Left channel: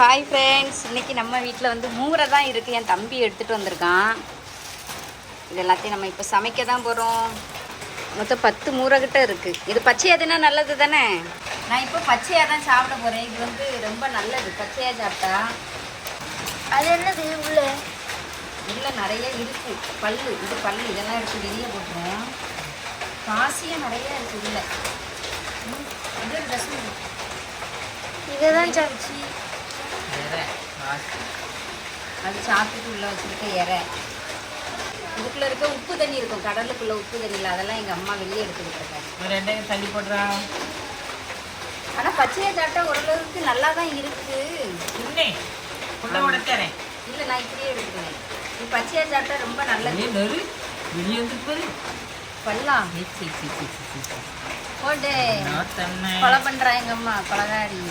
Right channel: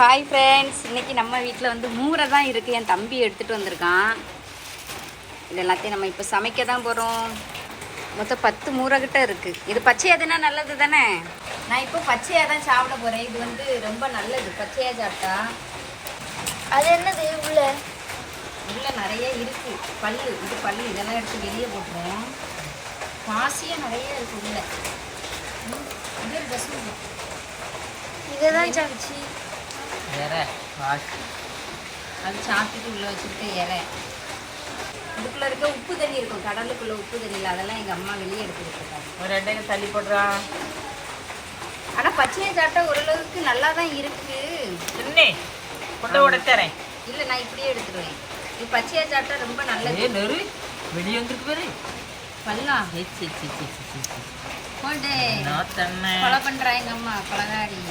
Hi friends, இன்றைக்கி நம்ம வீட்டில் வந்து மூரை தான் இருக்குது. என் தம்பி எடுத்துகிட்டு வந்திருக்கான். இது எல்லாத்தையும் நம்ம இப்போ சமைக்க தான் போகிறோம். மொத்தம் 10 மூரை கிட்ட இருக்குது. இது பச்சையாக தானே நல்லது தானே. நான் இப்போ பச்சையாக தான் சாப்பிட போகிறேன். இது வந்து ரொம்ப நல்லது பச்சையாக சாப்பிட்டா. அது என்னது உள்ள நிறைய இருக்குது. பல்லு இது பல்லு இதெல்லாம் எடுத்து வெளியே போட்டுருவேன். காசியாக நிறைய இருக்குது உள்ள. இது ஒரு ரசம் இதைதான் சாப்பிச்சு அது சாப்பிட்டுட்டு உள்ள வச்சுருக்க இறை. இதுக்குள்ள இருக்க உப்பு தண்ணி இருக்கும், கடலுக்குள்ள உப்பு தண்ணியில். அதெல்லாம் எங்கள் அம்மா வெளியே எடுத்துக்கிட்டு இருக்காங்க. 2 தள்ளி போடுறான். ஆனால் பச்சையை சாப்பிட்டா ஓரளவுக்கு நல்லா தான் இருக்கு. இல்லை, நான் இப்படியே எடுத்துருவேன். இது பச்சையை சாப்பிட்டா ரொம்ப நல்லது. வெளியே வந்துருக்குது பல்லாம் போட்டு கொலை பண்ணுறா எங்கள் அம்மா கொலகாரி.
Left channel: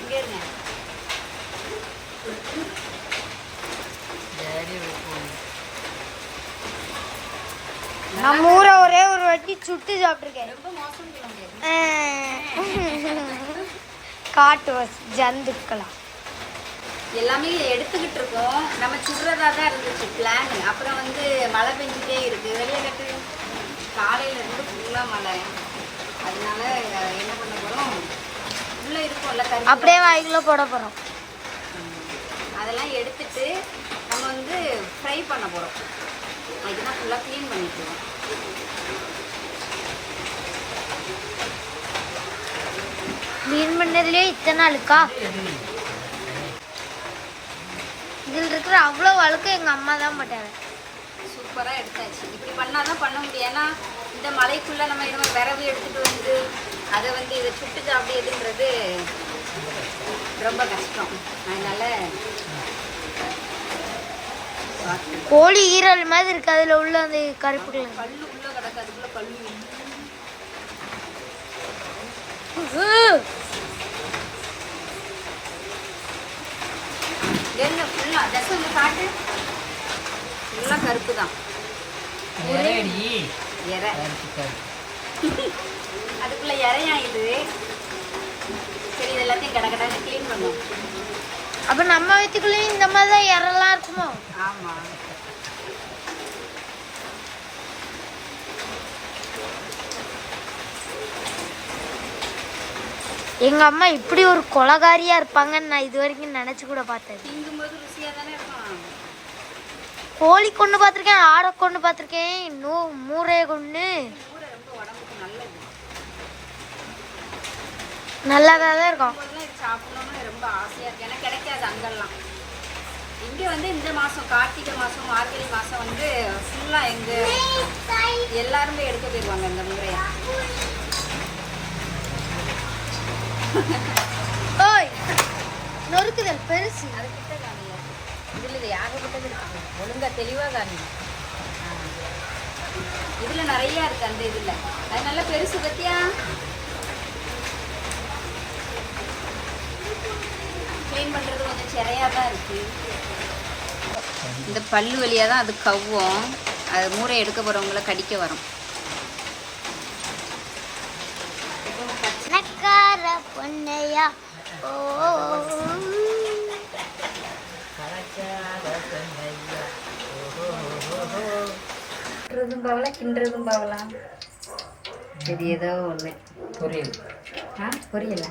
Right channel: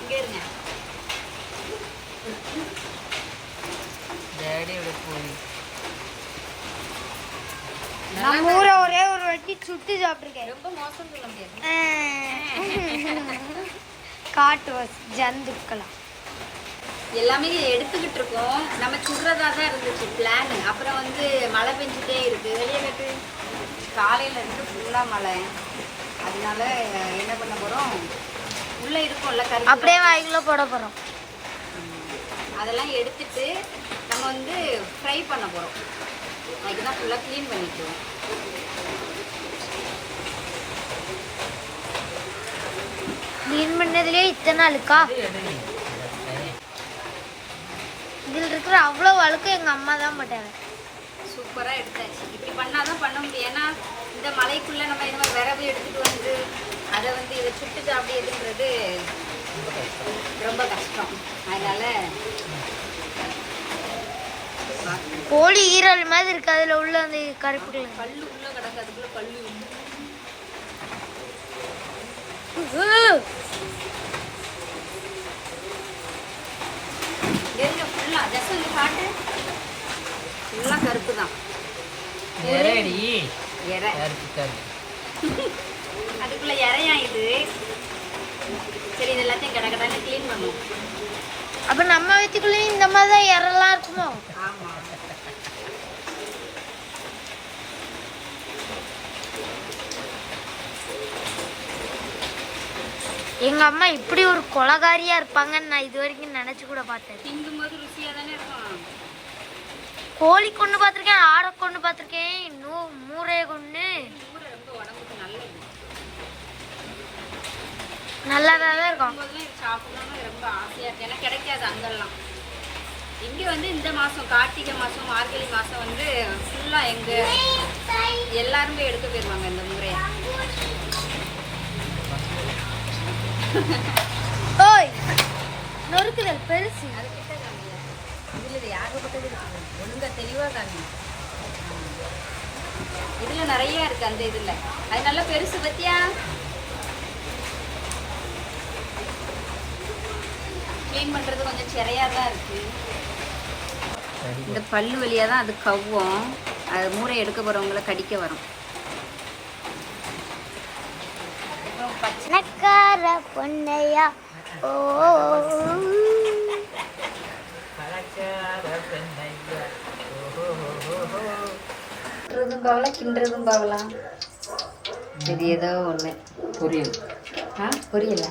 இங்கே இருங்க. நம்ம ஊரை ஒரே ஒரு வாட்டி சுட்டு சாப்பிட்டுருக்கேன். ரொம்ப மோசம் சொல்ல முடியாது. காட்டு ஜந்துக்களா எல்லாமே எடுத்துக்கிட்டு இருக்கோம். நம்ம சுடுறதா தான் இருந்துச்சு பிளான். அப்புறம் வந்து மழை பெஞ்சிட்டே இருக்கு. வெளியே கட்டு காலையில இருந்து ஃபுல்லா மழை. அதனால என்ன பண்ண போறோம், உள்ள இருக்கும்ல கருப்பு, அப்படியே வாய்க்குள்ள போட போறோம். அதெல்லாம் எடுத்துட்டு நம்ம வந்து ஃப்ரை பண்ண போறோம். அதுதான் ஃபுல்லா க்ளீன் பண்ணிட்டுருவோம். க்ளீன் பண்ணதுலயே இத்தனை அழுக்கா? இதில் இருக்கிற அவ்வளோ அழுக்கு எங்கள் அம்மா தான் போட்டாங்க. சூப்பராக எடுத்தாச்சு. இப்படி பண்ணாதான் பண்ண முடியும். ஏன்னா இந்த மலைக்குள்ளே நம்ம என்ன விரவு எடுத்துகிட்டு வந்து அதை வந்து இதை சுட்டு சாப்பிடுறதுன்றது ரொம்ப கஷ்டம். அதனால கோழி ஈரல் மாதிரி இருக்கு. அதில் உள்ள அந்த கருப்புகள் கல்லு உள்ள கிடக்கு. அதுக்குள்ள கல்லு என்ன ஃபுல்லா ஜஸ்ட் காட்டு ஃபுல்லா கருப்பு தான். இறை அதுக்குள்ள இறையா இது. சரி, இது எல்லாத்தையும் கடகடன்னு க்ளீன் பண்ணும். அப்ப நம்ம வீட்டுக்குள்ளேயும் இந்த மாதிரி தான் இறலாம் இருக்குமோ? ஆமா. எங்க அம்மா இப்படி ஒரு கொலகாரியா இருப்பாங்கன்னு நான் இது வரைக்கும் நினைச்சு கூட பார்த்தேன். திங்கும்போது ருசியா தானே இருக்கும். கோழி கொண்டு பார்த்திருக்கேன், ஆடை கொண்டு பார்த்திருக்கேன், இன்னும் மூரையை கொண்டு. ரொம்ப உடம்புக்கு நல்லது. நல்லாதான் இருக்கும். இது சாப்பிடணும்னு ரொம்ப ஆசையா இருக்கு. எனக்கு கிடைக்காது அங்கெல்லாம். இங்க வந்து இந்த மாசம் கார்த்திகை மாசம் மார்கழி மாசம் வந்து ஃபுல்லா எங்க எல்லாருமே எடுக்க போயிருவாங்க இந்த முறையா. ஓய், நொறுக்குதல் பெருசு. அது கிட்ட காமிங்க. இதுல இது யாகப்பட்டது ஒழுங்கா தெளிவா காமிங்க. இதுல நிறைய இருக்கு அந்த இதுல. அது நல்லா பெருசு பத்தியா. க்ளீன் பண்றது கொஞ்சம் சிறையா தான் இருக்கு. இந்த பல்லு வழியா தான் அது கவ்வும். அது மூரை எடுக்க போறவங்களை கடிக்க வரும். நக்கார பொன்னையா ஓ கிண்டுறதும் பாவலாம். சரி, ஏதோ ஒண்ணு புரியல. புரியல.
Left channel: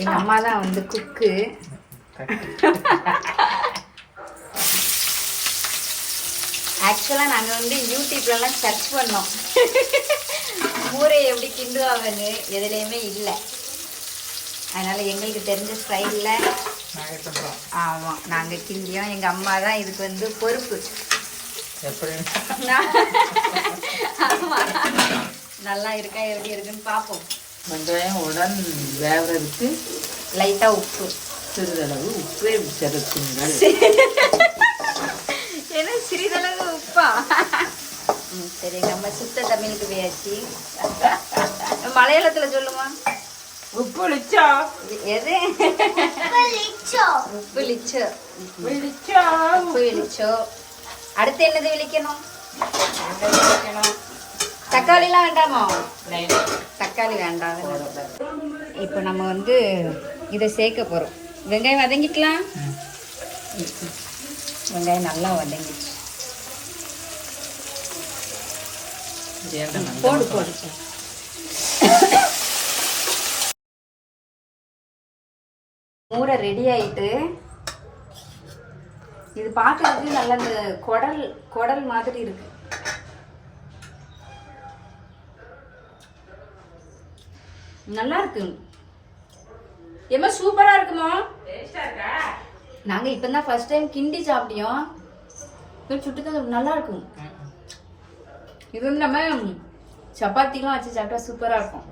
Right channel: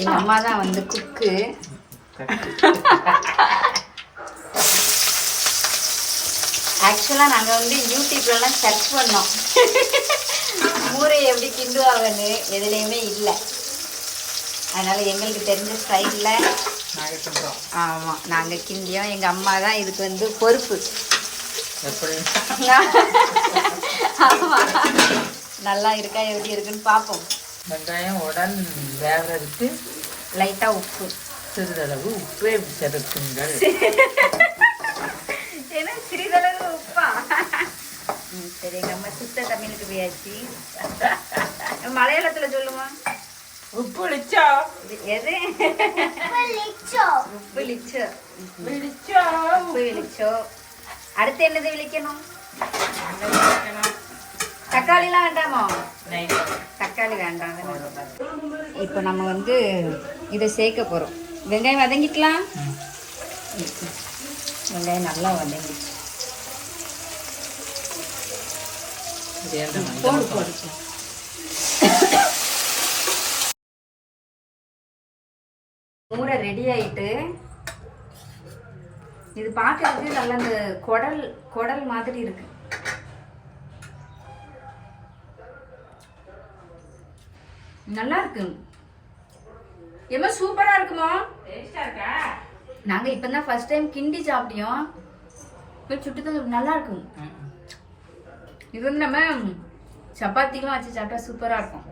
எங்க அம்மா தான் வந்து குக்கு. ஆக்சுவலா நாங்க வந்து யூடியூப்லலாம் சர்ச் பண்ணோம் மூரை எப்படி கிண்டுவாங்கன்னு. எதுலையுமே இல்லை. அதனால எங்களுக்கு தெரிஞ்ச ஸ்டைலில் ஆமாம் நாங்கள் கிண்டியோம். எங்கள் அம்மா தான் இதுக்கு வந்து பொறுப்பு. ஆமாம், நல்லா இருக்கா எப்படி இருக்குன்னு பார்ப்போம். வெங்காயம் உடன் வேகிறதுக்கு லைட்டாக உப்பு, சிறிதளவு உப்பை சேர்த்துங்கள். ஏன்னா சிறிதளவு உப்பா? சரி, நம்ம சுத்த தமிழுக்கு போயாச்சு. மலையாளத்துல சொல்லுமா? உப்பு லிச்சா. எது? உப்பு லிச்சோ. உப்பு விழிச்சோ. அடுத்து என்னது விழிக்கணும்? தக்காளிலாம் வேண்டாமா? நைட் தக்காளி வேண்டாம். இப்போ நம்ம வந்து இதை சேர்க்க போகிறோம். வெங்காயம் வதங்கிக்கலாம். வெங்காயம் நல்லா வதங்கிச்சு. போடு போடு. மூரை ரெடி ஆயிட்டு இது பார்க்கறதுக்கு நல்ல இந்த குடல் மாதிரி இருக்கு. நல்லா இருக்கு. ஏமா சூப்பரா இருக்குமா? நாங்க இப்பதான் ஃபர்ஸ்ட் டைம் கிண்டி சாப்பிட்டோம். சுட்டு நல்லா இருக்கும். இது வந்து நம்ம சப்பாத்திலாம் வச்சு சாப்பிட்டா சூப்பரா இருக்கும்.